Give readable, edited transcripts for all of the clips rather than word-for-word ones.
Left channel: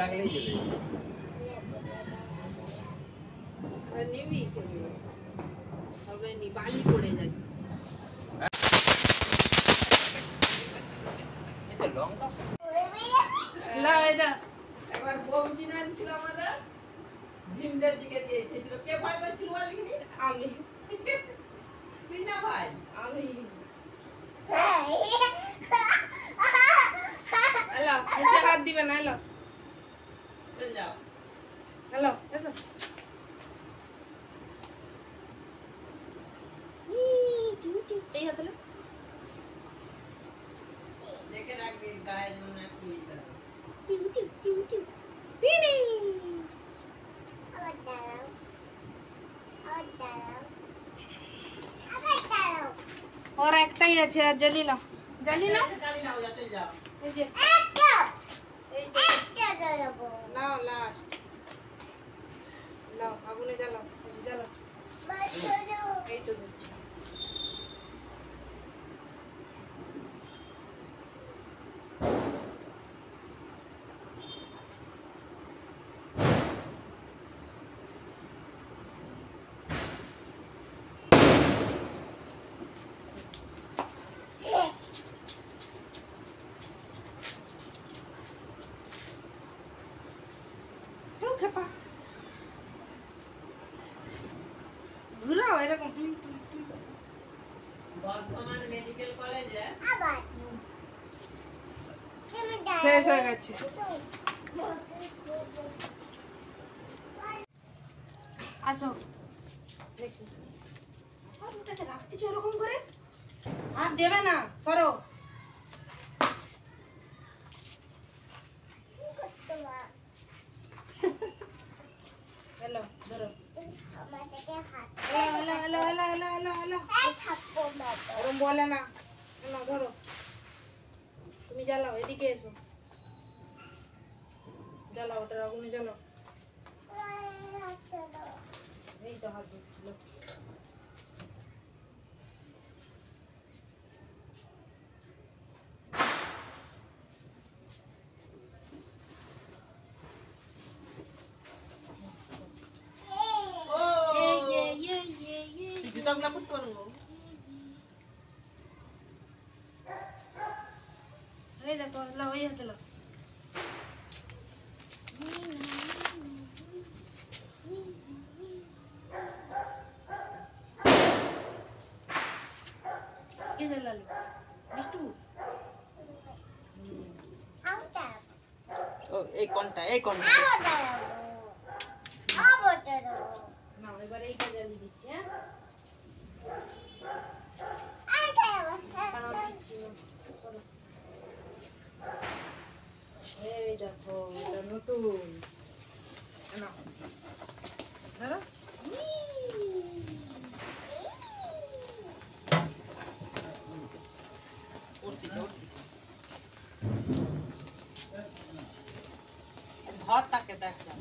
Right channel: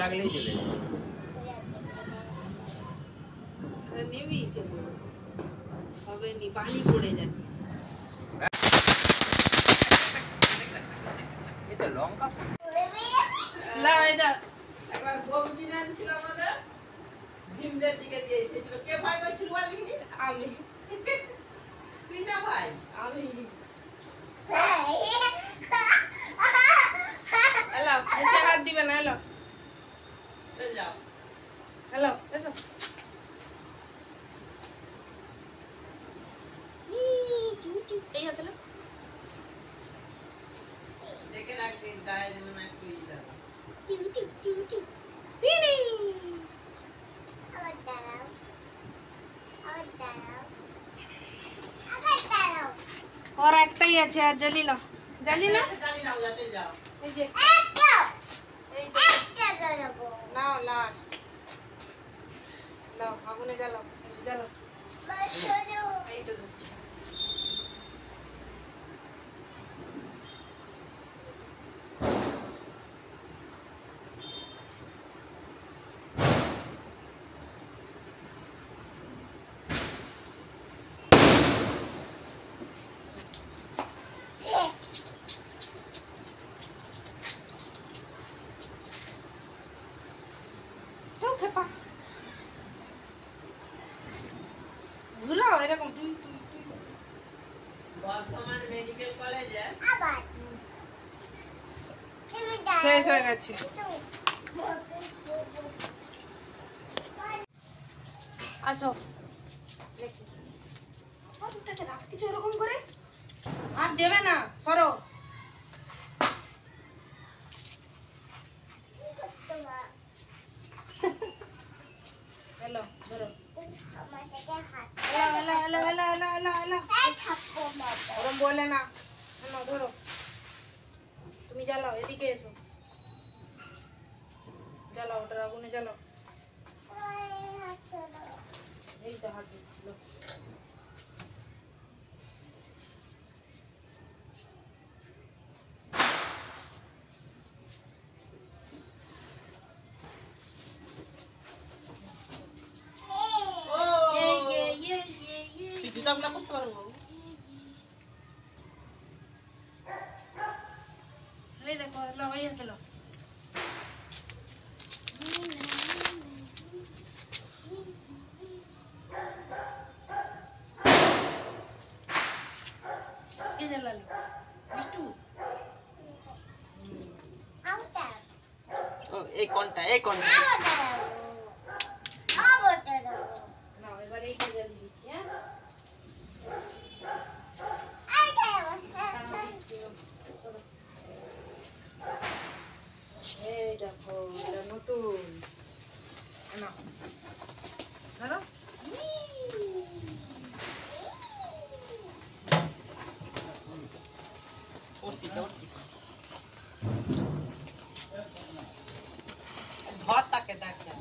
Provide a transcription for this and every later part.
লাগলেই চলে যাবে। নেমেই চলে হবে নি, পানি পড়ে যাচ্ছে। এটা লঙ্কা না এটা একবার বৌদি নান ছিল আমাদের ভীমদের দিকে দিয়ে এসেছিল। কে ভাই করছিল বলিনি? আমি তুই না ভাই? আমি হ্যালো, মুখে হাত দিবে না। হ্যালো চল যাও। হ্যালো, এসো। এই হাতে না দেখে রাখবি গায়ে যেন না একটু ই দাও। और একটাই আছে, আর জানি না জানি নাও, যাতে যাও। এই যে এই নাও লাস্ট নাও, আগুনে জ্বালাও জ্বালাও। এই তো ধরছি। খেপা ঘুরাও এরকম তুই তুই তুই। বর্ধমান মেডিকেল কলেজে শেষ হয়ে গেছে। আসো দেখি ওটাকে রাখতেছো ওরকম করে, আর দেবে না, সরো। হ্যালো ধরো, ওরম বলে না, না ধরো তুমি জ্বালাও, এদিকে এসো, জ্বালাও ওটার আগুনে জ্বালাও। এই তো হাত দিচ্ছিল। জুতা গুলা করতে পারবো? এই দেখো লো, এই হাতে লো। এই যে লালি বিষ্টু ও এই কোনটা, এই কোনটা? না, এবার এইটা জ্বালিয়ে দিচ্ছি। এই দেখো এটা নতুন, না ধরো। ধর তাকে, দেখ দেখ।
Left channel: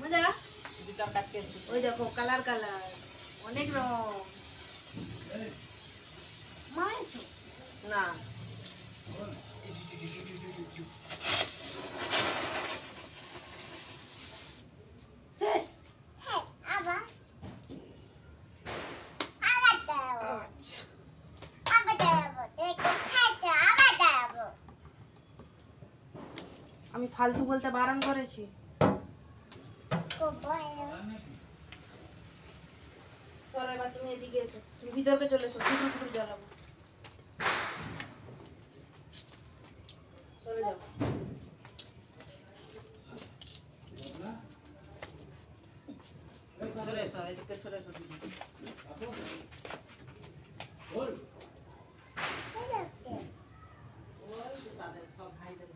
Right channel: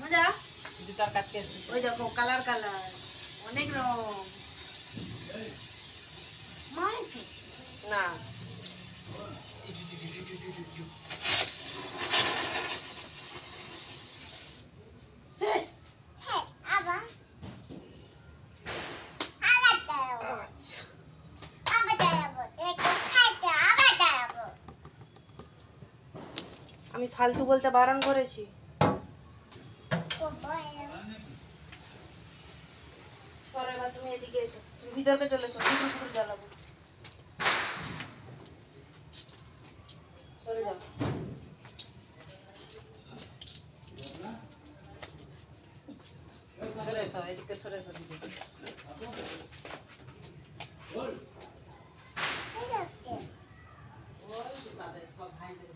মজা। জুতা কাটতে ওই দেখো কালার কালার অনেক রকম। মাইস না শেষ। আমি ফালতু বলতে বারণ করেছি। সরো এবার তুমি এদিকে এসো, তুমি ভিতরে চলে এসো, পুকুর জ্বালাবো। সরে যাও। সরে এসো, এদিকে সরে এসো দিদি। ওই যে তাদের সব ভাইদের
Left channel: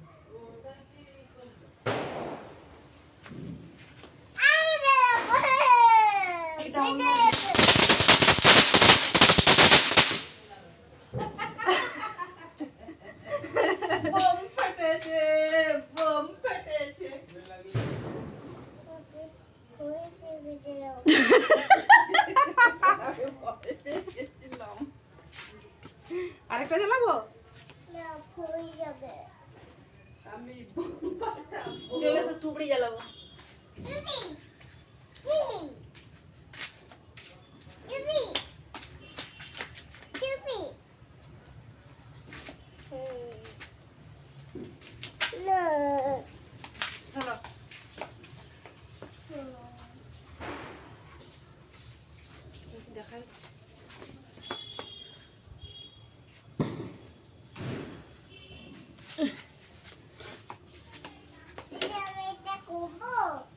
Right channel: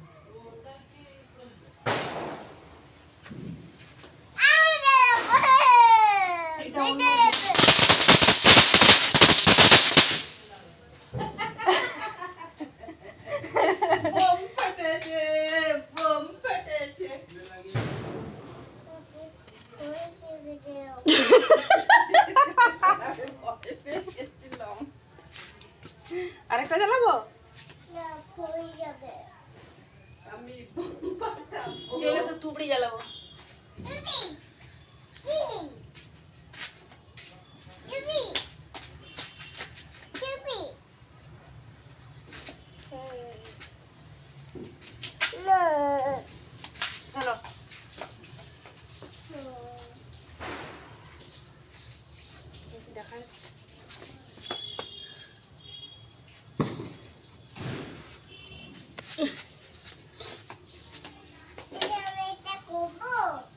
এটা অন্য বোম ফাটেছে, বোম ফাটেছে। video. আরেকটা জ্বালাবো? আমি চলে এসো, তুবড়ি জ্বালাবো। চলো দেখা যাচ্ছে।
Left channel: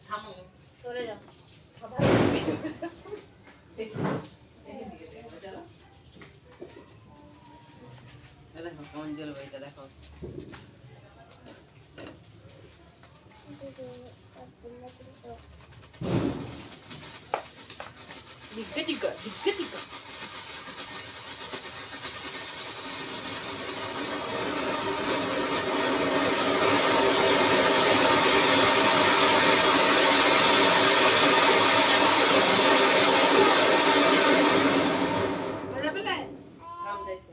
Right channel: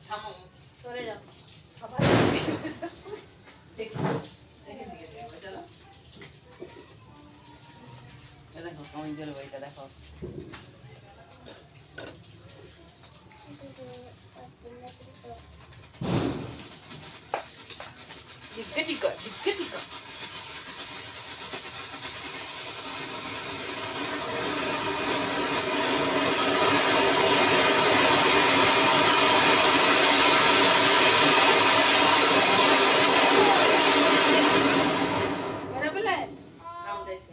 থামো চলে যাও। দেখি এদিকে দেখো চলো এই দেখো কোন জল বইটা দেখো জিজ্ঞে জিজ্ঞা জিজ্ঞে জিজ্ঞা। মজা পেলে? নাম দিয়েছে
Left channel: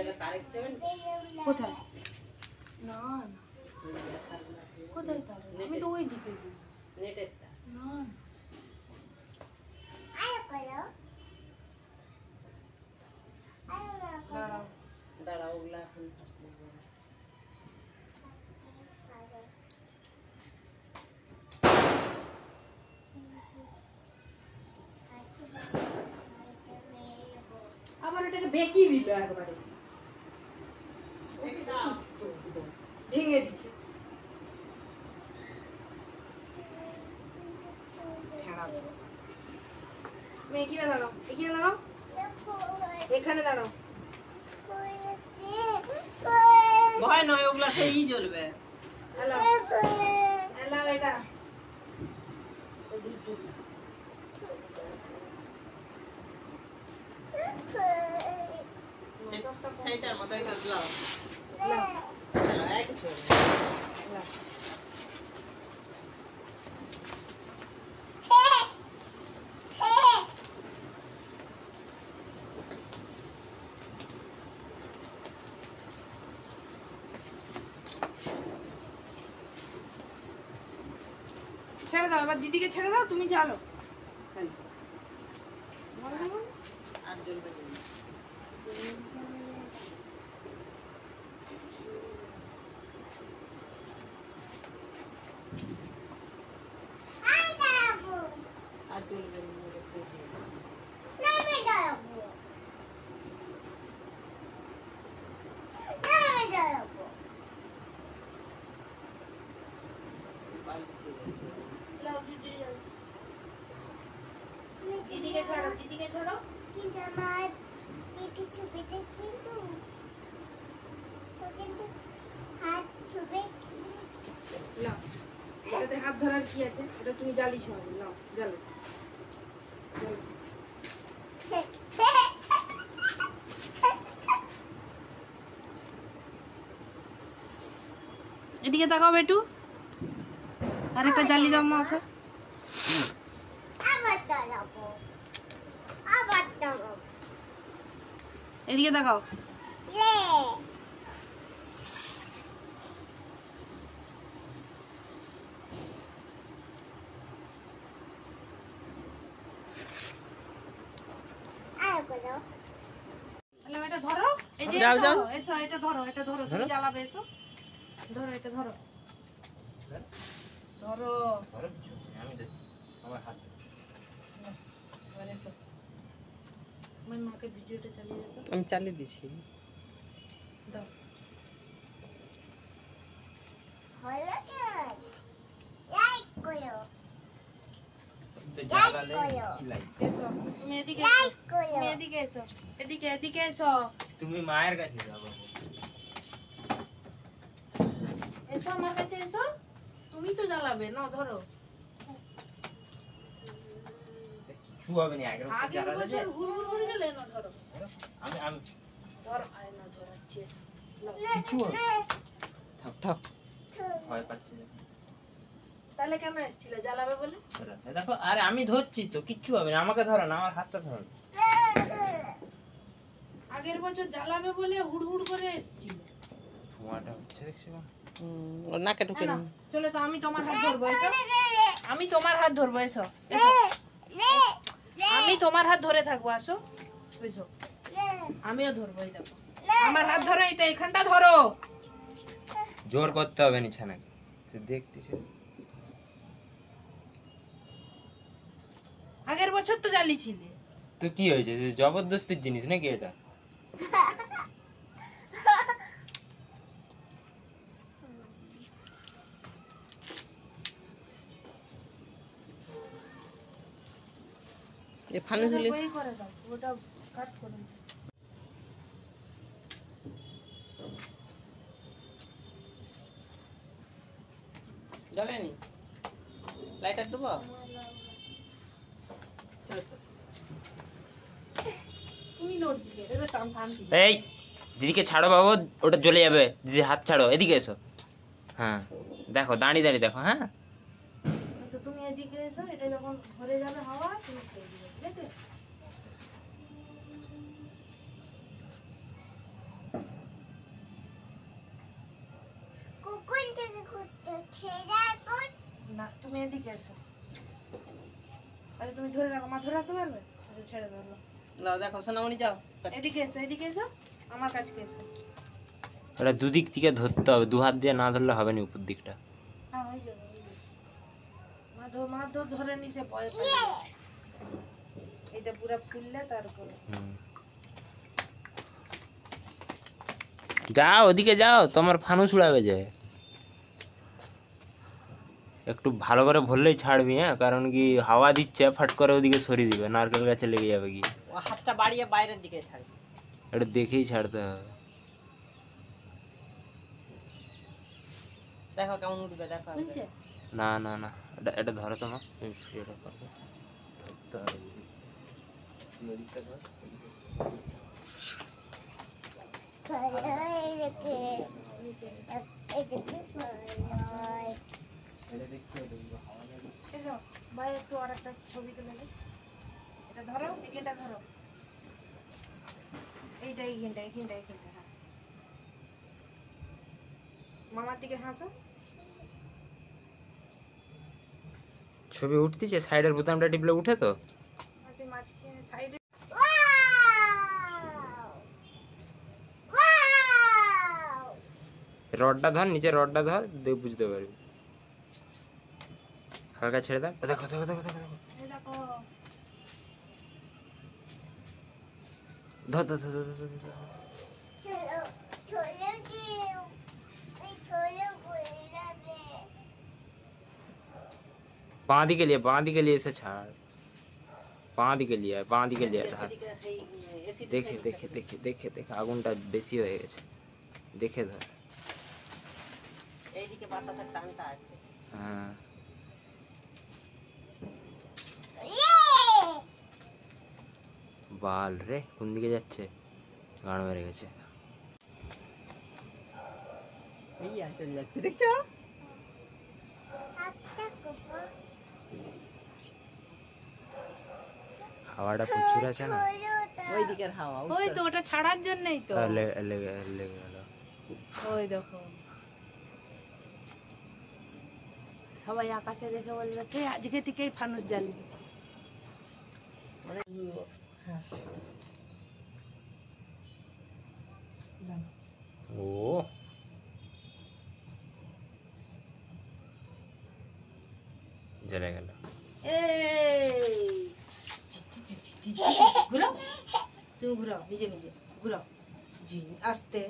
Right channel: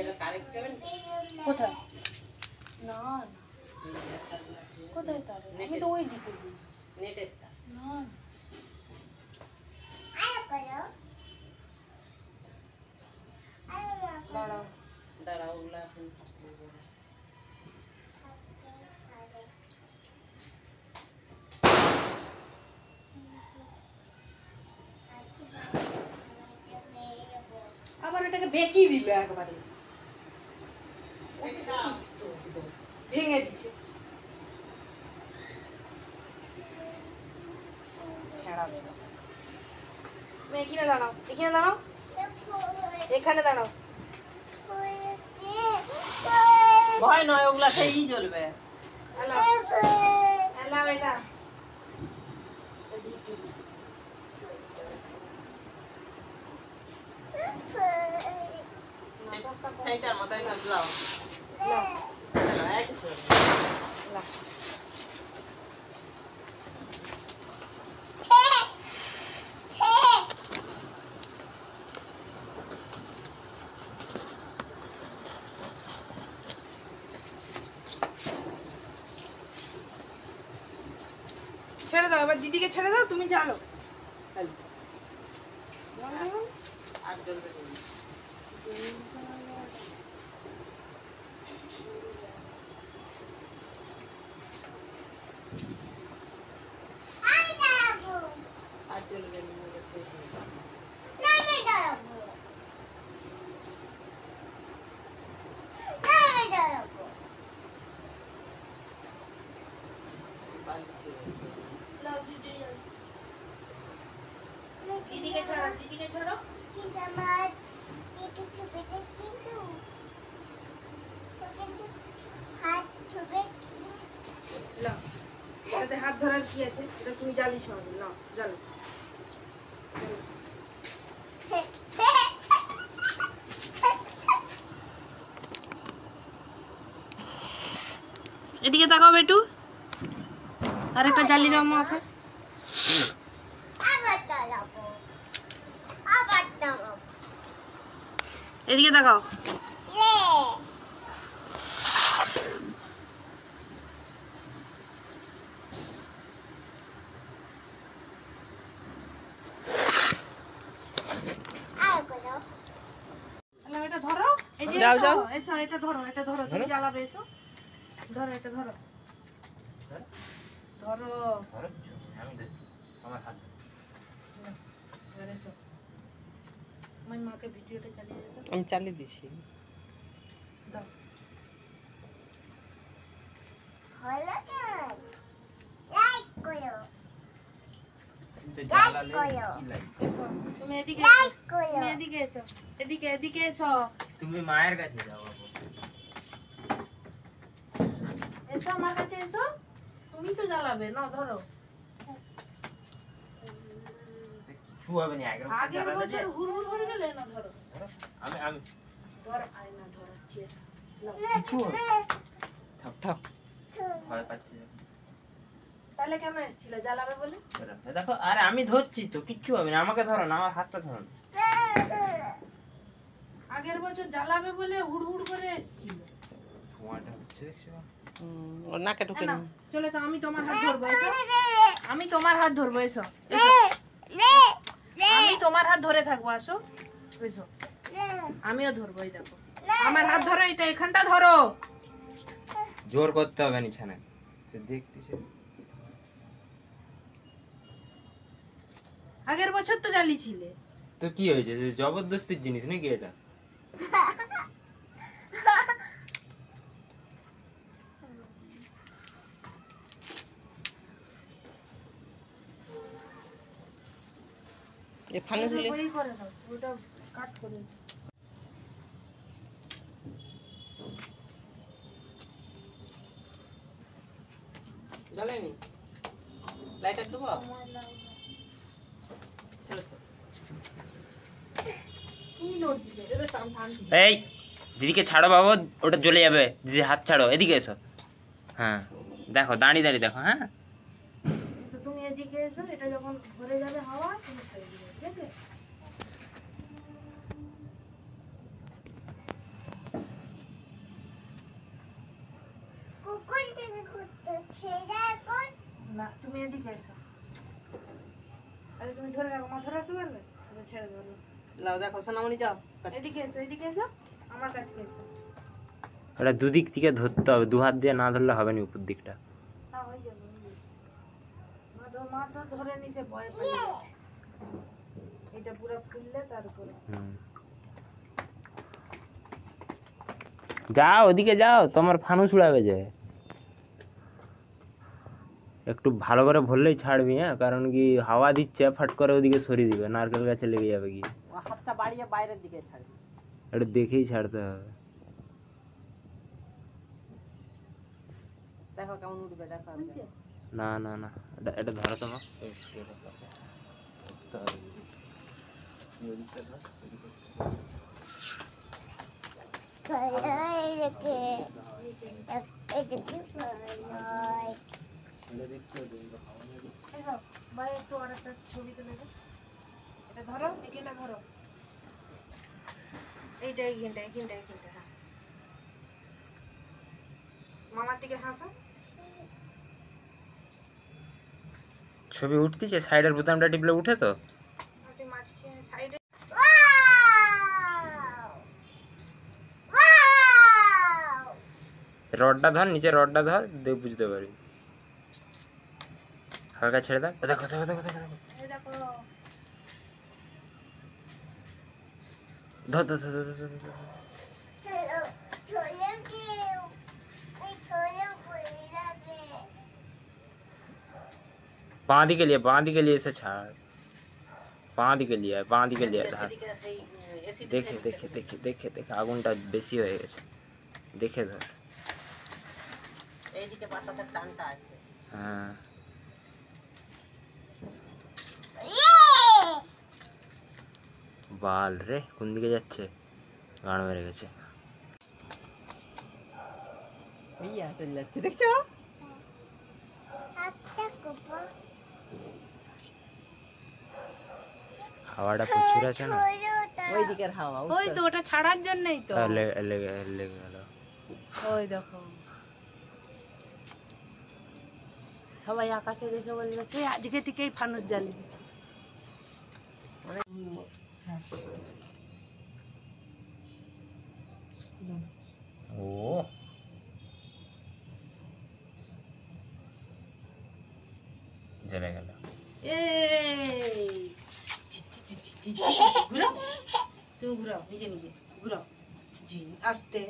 এটা কারেক্ট যাবেন কোথায়? না কোথায় তার? আমি তো ওই দিকে দিই। নেটের তা না দাঁড়াও। দাঁড়াও ওগুলা এখন থাকবে আবার ওটাকে বেঁকিয়ে দিল একবারে, ভেঙে দিচ্ছে। তুমি এখানে দাঁড়াও, এখানে দাঁড়াও, এখানে দাঁড়াও। ভয় নয় ওগুলা সেই জ্বলবে হ্যালো হ্যালো এটা সেইটার মতোই লাগলাও এক ছেড়ে দাও, এবার দিদিকে ছেড়ে দাও, তুমি জ্বালো। আর জ্বলবে আর জ্বলবে শেষ হয়ে যাবে দিদিকে ছাড়ো, দিদিকে ছাড়ো। নাও, এটাতে হাত ধরার কি আছে? এটা তুমি জ্বালিস হবে। নাও জ্বালো, জ্বালো। এদিকে তাকাও বেটু, আরেকটা জ্বালিয়ে দাও মাকে। এদিকে তাকাও। এটা ধরো, এই যে যাও, যাও। এসো, এটা ধরো, এটা ধরো, তুমি জ্বালাবে, এসো ধরো, এটা ধরো, ধরো আমি দেখ আমার হাত এবার এসো। আমার মাকে ভিডিওটা চালিয়ে দিতে আমি চালিয়ে দিছি দাও। এসো, তুমি এদিকে এসো, তুমি এদিকে এসো, এদিকে এদিকে এসো, তুমি মায়ের কাছে যাও বাবু এসো আমার কাছে এসো, তুমি তো জ্বালাবে না, ধরো। কিছু হবে না আগের বছর হুড় করে গেলে না, ধরো আমি আমি ধরো, আয় না ধরাচ্ছি, নাও। কিছু হবে থাক থাক ভয় পাচ্ছি না। তাহলে কেন এসেছিলে, জ্বালাবে বলে? দেখো আরে আমি ধরছি তো কিচ্ছু হবে না আমাকে ধরো না আমার হাতটা ধরো না আগের বছর জ্বালাবে বলে হুড় করে এসেছিল। ধোঁয়াটা হচ্ছে দেখছি না। ওর নাকে ঢুকে না, চলে এসো, আমি তোমার হাত ধরবো এসো। আমি তোমার হাত ধরবো এসো এসো। আমি তোমার হাত ধরে থাকবো, আসো এসো। আমিও ধরবো, এই দেখো আমার হাত ধরো, এটা এখানটা ধরো। জোর করতে হবে না ছানা, সে দেখতেছে। আগের বছর তো জ্বালিয়েছিলে। তো কি হয়েছে, জবরদস্তির জিনিস নাকি এটা? এ ফানুস গুলি ওই করে দাও, ওটা কাট করে দাও। জ্বলেনি, লাইটার দেবো। তুমি নোট দিলে, এটা টান টান দিলে। এই দিদিকে ছাড়ো বাবু, ওটা জ্বলে যাবে। দিদি হাত ছাড়ো, এদিকে এসো। হ্যাঁ দেখো, দাঁড়িয়ে দাঁড়িয়ে দেখো। হ্যাঁ আচ্ছা, তুমি এদিকে এসো, এটা যখন ভরে যাবে হাওয়া তুমি ছেড়ে দিবে, ঠিক আছে? না, তুমি এদিকে এসো। আরে তুমি ধরে রাখো, মাথা রাখতে পারবে? আচ্ছা, ছেড়ে দাও না। লাও দেখো সোনামণি, যাও। এদিকে এসো, এদিকে এসো, আমার কাছে এসো। ওটা দুদিক থেকে ধরতে হবে, দু হাত দিয়ে না ধরলে হবে না উপর দিকটা। না, হয়ে যাবে, হয়ে যাবে। মা ধরে নিছে, ভয় পেয়ে যাচ্ছে। এটা পুরো ফুললে তারপরে যাও ওদিকে যাও, তোমার ফানুস উড়াবে যে। একটু ভালো করে ভরলেই ছাড়বি, হ্যাঁ, কারণ কি হাওয়া দিচ্ছে, ফাট করে ওদিকে সরিয়ে দিবে, নারকেল গাছে লেগে যাবে কি। ও হাতটা বাড়িয়ে বাইরের দিকে ছাড়বে। এটা দেখেই ছাড়তে হবে। দেখো কেমন উঠবে, দেখো। বুঝছে? না না না, এটা ধরো তোমার। এসো, ভাই একটু আরেকটা ছবি তুলে দে। এটা ধরো, এখানটা ধরো। এইখানটা, হ্যাঁ। মামার দিকে হাসো। ছবি উঠতেছে, সাইডের বোতামটা টিপলে উঠে তো। তুই মাঝখানে সাইডে। রডটা ধর, নিচে রডটা ধর, দেখ বুঝতে পারবি। হালকা ছেড়ে দাও। দেখো দেখো দেখো দেখো দেখো। এই দেখো, ধর ধর ধর ধর ধর ধর। बाँ दिखे लिए से छाड़, बाँ दिखे लिया धर। देखे देखे देखे देखे देखे आগুনটা বেশি হয়ে গেছে, দেখে ধর। এইদিকে বাতাসের টানটা আছে। হ্যাঁ বাল রে, কোন দিকে যাচ্ছে, গান মেরে গেছে। ইয়া চলে যাচ্ছে, দেখছো? হাওয়াটা প্রচুর আছে না, ওই দিকের হাওয়া। ওই তো ওটা ছাড়ার জন্যই তো। লেগে গেল। ওই দেখো, সবাই আকাশে দেখে বলবে কে আজকে থেকেই ফানুস জ্বালিয়ে দিচ্ছে। ও জ্বলে গেল। ঘুরাও, তুমি ঘুরাও, নিজে নিজে ঘুরাও। আস্তে।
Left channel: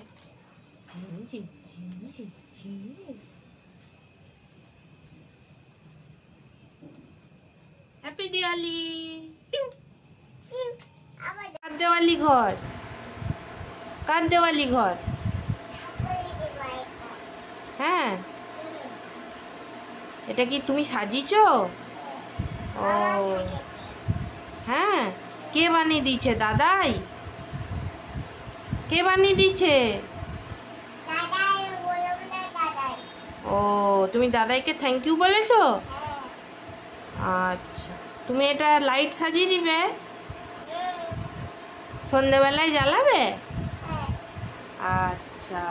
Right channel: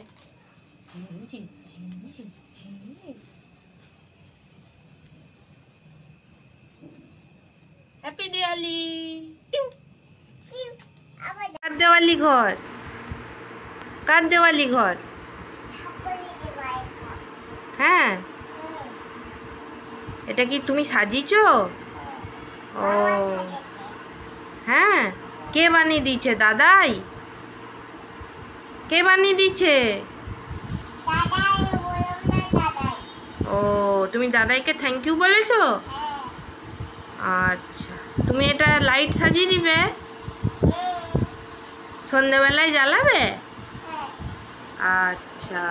হ্যাপি দিওয়ালি। কার দেওয়ালি ঘর, কার দেওয়ালি ঘর? হ্যাঁ, এটা কি তুমি সাজিয়েছো? ও হ্যাঁ, কে বানিয়ে দিয়েছে? দাদাই? কে বানিয়ে দিয়েছে? ও, তুমি দাদাইকে থ্যাংক ইউ বলেছো? আচ্ছা, তুমি এটা লাইট সাজিয়ে দিবে? সন্ধ্যেবেলায় জ্বালাবে? আচ্ছা,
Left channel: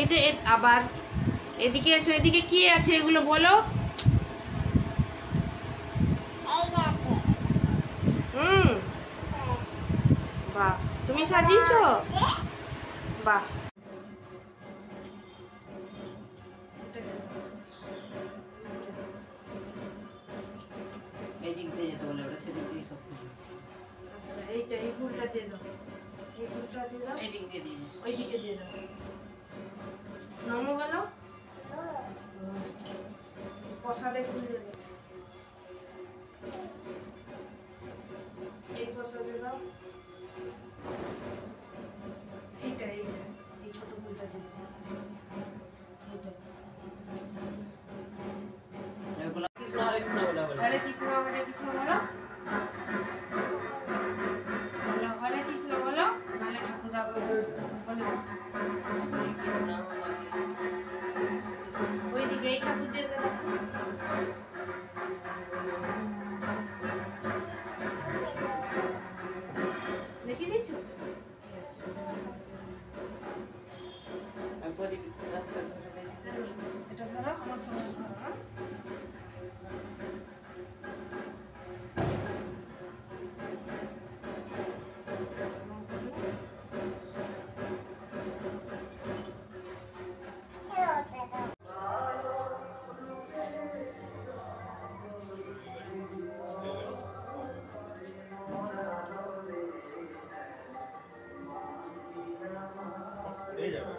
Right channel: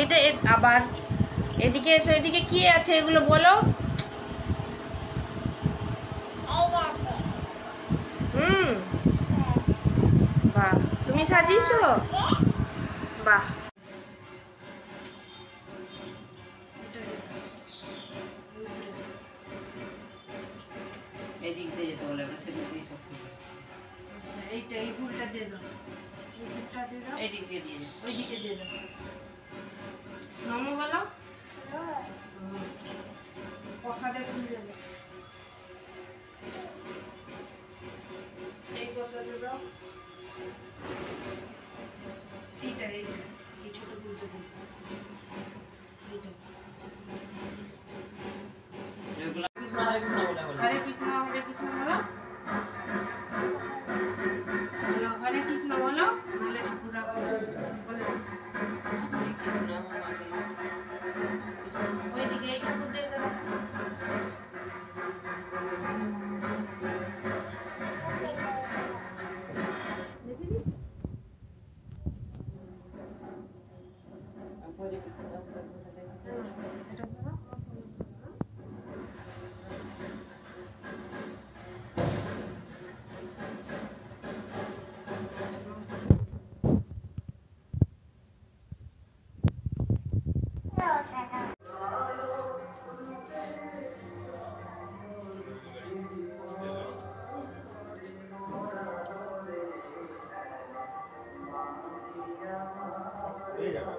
এটা আবার এদিকে এসো, এদিকে কি আছে এগুলো বলো। হুম, বাহ, তুমি সাজিয়েছো? বাহ, এদিক দিয়ে যেতে বলে আমরা সেদিক দিয়ে সব করবো। এইটা এই ফুলটা দিয়ে দাও, এই ফুলটা দিয়ে দাও, এদিক দিয়ে দিয়ে যাও। ওই দিকে দিয়ে দাও। নমো বলো। প্রসাদের ফুল দেবো, এই প্রসাদ দাও। এইটা এইটা এই ছোট ফুলটা দেবো, এইটা। এগুলো কৃষ্ণ হরে কৃষ্ণ বলা বলে। হরে কৃষ্ণ বলো, বলো হরে কৃষ্ণ বলো, নাহলে ঠাকুর রাখবো বলে। হরে কৃষ্ণ হরে কৃষ্ণ। ওইদিকে এই ঠাকুর দিয়ে দাও। দেখি দিয়েছো? আর প্রদীপ রাখতে ধরে দে। এটা ধরো, আমার সঙ্গে ধরো। হ্যাঁ? এই যাবে